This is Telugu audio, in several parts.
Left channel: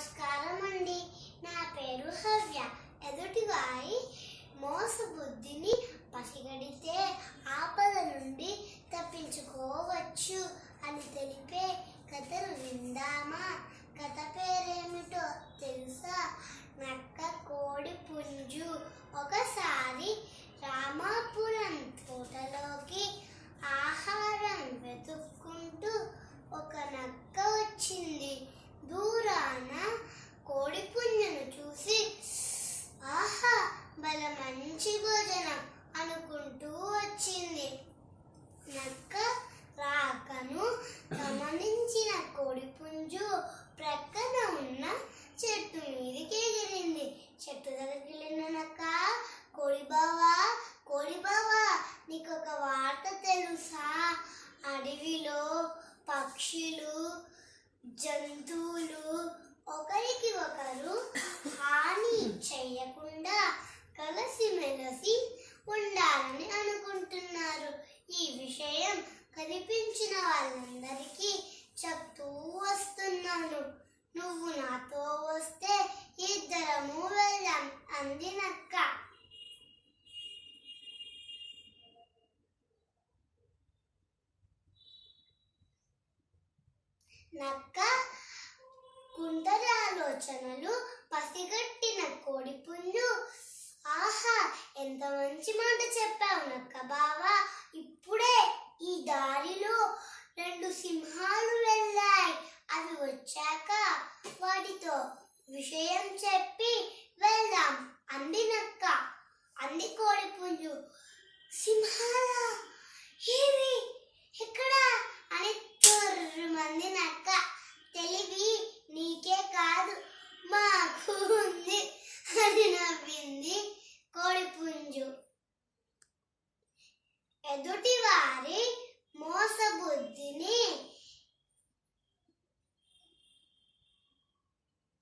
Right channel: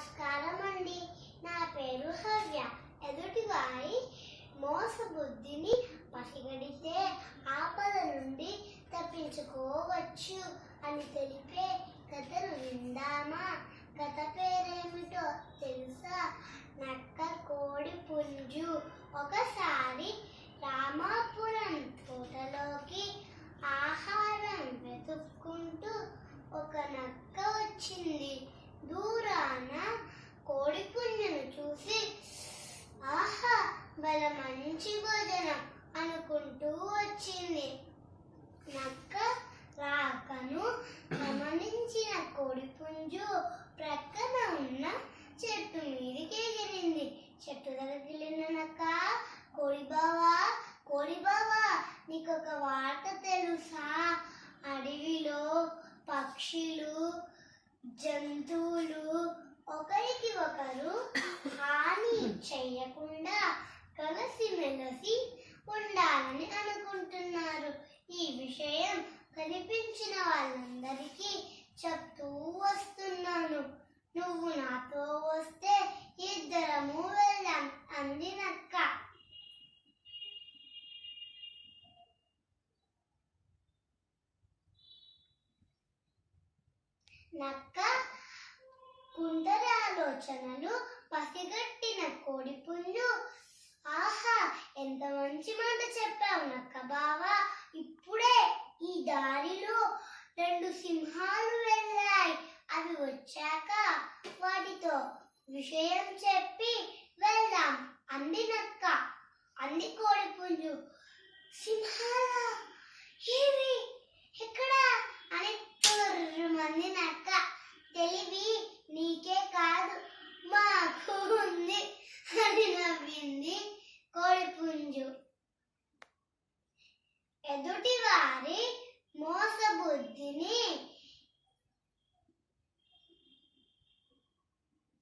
నమస్కారం అండి. నా పేరు హవ్య. ఎదుటివారి మోసబుద్ధిని పసిగడితే ఆపద నుండి తప్పించుకోవచ్చు అని తెలిపే కథను విందామా? కథ పేరేమిటో తెలుసా? నక్క కోడి పుంజు. ఒకసారి రామాపురం తోటలోకి ఆహారం వెతుక్కుంటూ ఒక నక్క వచ్చింది. దూరాన కోడి పుంజును చూసి ఆహా బల మంచి భోజనం అనుకుంటూ వచ్చింది. నక్క రాకను గమనించిన కోడి పుంజు ప్రక్కన ఉన్న చెట్టు మీదకి ఎగిరింది. చెట్టు దగ్గరికి వెళ్ళిన నక్క, కోడి బావా నీకొక వార్త తెలుసా? అడవిలో పక్షులు జంతువులు ఒకరికి ఒకరు హాని చెయ్యకుండా కలిసిమెలిసి ఉండాలని అనుకుంటున్నారు. ఈ విషయం కనిపించిన వాళ్ళందరికీ చెప్తూ వస్తున్నాను. నువ్వు నాతో వస్తే ఇద్దరము వెళ్దాం అంది నక్క. నక్క కుందర ఆలోచనలు పసిగట్టిన కోడి పుంజు, ఆహా ఎంత మంచి మాట చెప్పావు నక్క బావా. ఇప్పుడే ఈ దారిలో 2 సింహాలు వెళ్ళాయి. అవి వచ్చాక వాటితో విషయం చెప్పి వెళ్దాం అంది నక్క. అంది కోడి పుంజు. సింహాలా? ఏవి? ఎక్కడా? అని మంది నక్క. తెలివి నీకే కాదు మాకు ఉంది అని నవ్వింది కోడి పుంజు. ఎదుటి వారి మోసబుద్ధిని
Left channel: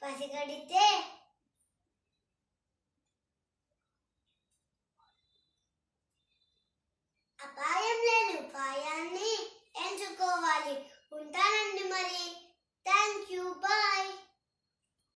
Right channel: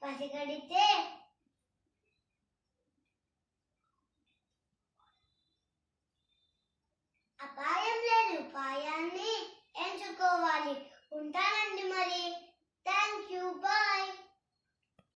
పసిగడితే అపాయం లేని ఉపాయాన్ని ఎంచుకోవాలి. ఉంటానండి మరి. Thank you. బాయ్.